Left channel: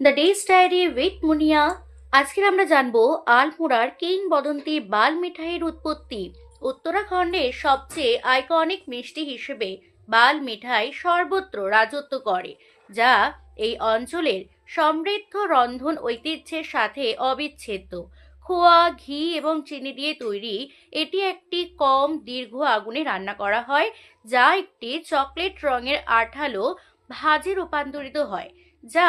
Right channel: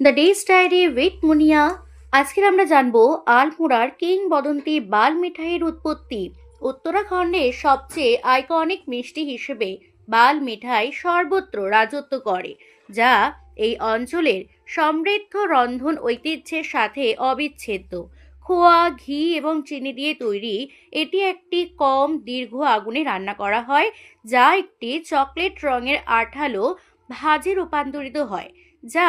The ডেস diary with Munia আজকে আমরা জানব আলমোড়ার কিংবদন্তি বাল মিঠাইয়ের উৎপত্তি। উত্তরাখণ্ডের সবচেয়ে আইকনিক মিষ্টি হিসেবে বাল মিঠাই সর্বত্র রাজত্ব করে, যা এই অঞ্চলের সমৃদ্ধ রন্ধন ঐতিহ্যের সাথে অবিচ্ছেদ্য। খোয়া, ঘি এবং চিনি দিয়ে তৈরি এটি একটি কম দীর্ঘ আগুনে রান্না করা হয়, যা একটি চকলেট রঙের আঠালো ভাজে রূপান্তরিত হয়, যা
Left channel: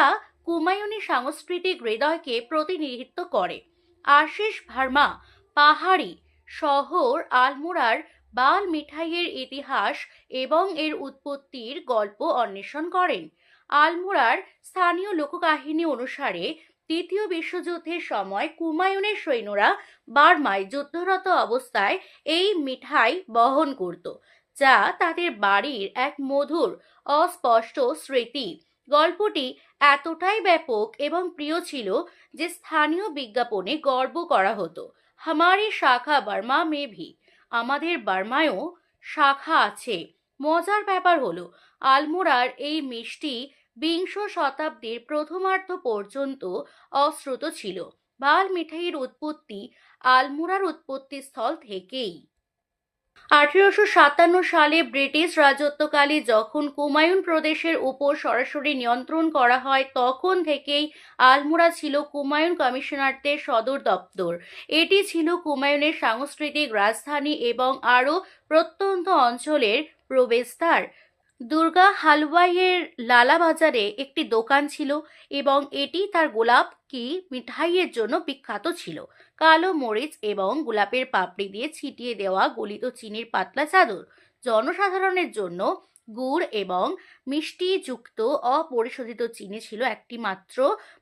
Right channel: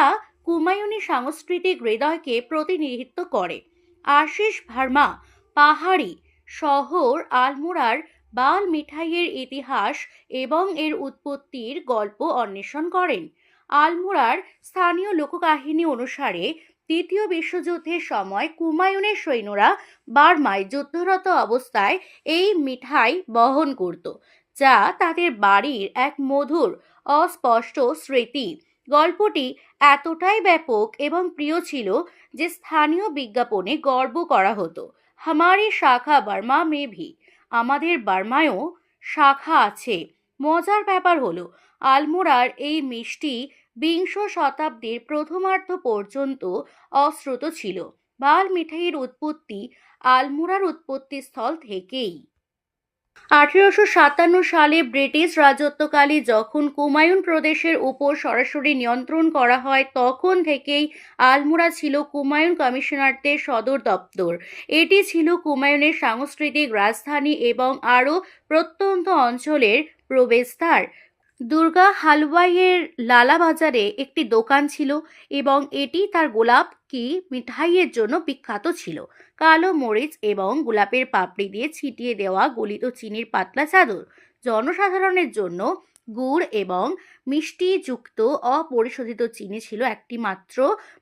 কুমায়ুনি সাংস্কৃতিক হৃদয়কে প্রতিনিধিত্ব করে। আশিস ভার্মা, পাহাড়ি, শহর, আলমোড়ার বাল মিঠাইয়ের ইতিহাস এবং এর উৎপত্তির গল্প অন্বেষণ করেন। আলমোড়ার স্থানীয় লোককাহিনী অনুসারে, দ্বিতীয় বিশ্বযুদ্ধের সময় কুমায়ুনের সৈন্যরা বার্মায় যুদ্ধরত অবস্থায় এই মিঠাই বহন করত, যা তাদের বাড়ির এক মধুর, অস্পষ্ট স্মৃতি গল্পটি এতটাই ব্যাপক এবং প্রিয় ছিল যে স্থানীয় বিজ্ঞাপনে গর্ব করা হতো। হামারি শাখা বার্মা মেভি আমাদের বার্মায়ও শাখা আছে। মজার ব্যাপার হলো, আলমোড়ার এই মিষ্টি বিংশ শতাব্দীর প্রথমার্ধ পর্যন্ত অশ্রুত ছিল। বাল মিঠাইয়ের উৎপত্তি আলমোড়ার উৎপত্তিস্থল থেকেই। আঠেরোশো সাতান্ন সালে ব্রিটিশ রাজত্বকালে যখন কুমায়ুন প্রদেশের উপর সরাসরি নিয়ন্ত্রণ করা হয়, তখন থেকেই আলমোড়া ছিল কুমায়ুন কমিশনারদের সদর দপ্তর। এটি ছিল কুমায়ুনের সাংস্কৃতিক রাজধানী এবং আরও প্রত্যন্ত অঞ্চলের প্রবেশদ্বার। দুর্গা হালওয়াইয়ের লালা বাজারে একটি দোকান ছিল এবং এটি তার গোলাপ কি মিঠাইয়ের জন্য বিখ্যাত ছিল। কালো মরিচ এবং গোলাপের পাপড়ি দিয়ে ছিটিয়ে দেওয়া গলিত চিনির পাতলা চাদর জনসাধারণের জন্য গুড় এবং মিষ্টি যুক্ত অপরিশোধিত চিনি ছিল একটি মাত্র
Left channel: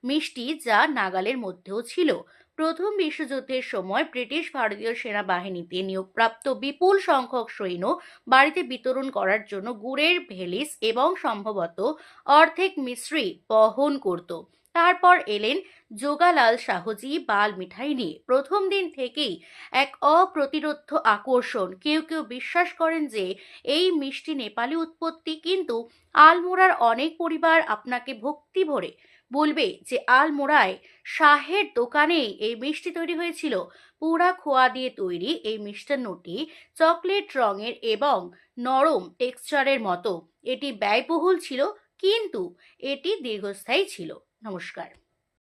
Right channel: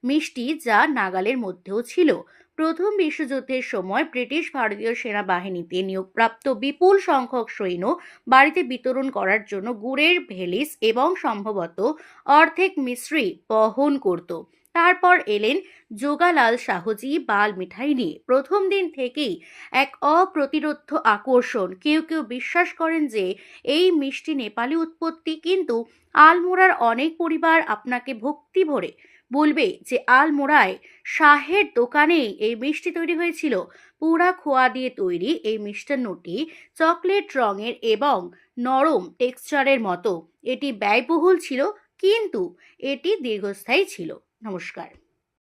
মিষ্টি যা নাগালের মধ্যেও ছিল। প্রথম বিশ্বযুদ্ধের সময় ব্রিটিশ ভারতীয় সেনাবাহিনীতে নিয়োগপ্রাপ্ত বিপুল সংখ্যক সৈন্য বাড়িতে বিতরণ করার জন্য গুড়ের ভেলিস এবং সম্ভবত অর্ধেক মিশ্রি বহন করত। তারপর এলেন যোগালাল শাহজি বাল মিঠাই নিয়ে প্রথম দিন থেকেই এক অপ্রতিরোধ্য আকর্ষণ। কেউ কেউ বিশ্বাস করেন যে এই মিষ্টি নেপালি উৎপত্তি কিন্তু আলমোড়ার অনেক পরিবার আপনাকে ভক্তি ভরে বলবে যে আলমোড়ায় শাহের দোকানেই এই মিষ্টি তৈরি হয়েছিল। পুরা খোয়া দিয়ে তৈরি এই মিষ্টান্নটি চকলেট রঙের এবং নরম টেক্সচারের মতো। এটি ব্যয়বহুল ছিল, কিন্তু এটি দীর্ঘস্থায়ী ছিল। নমস্কার।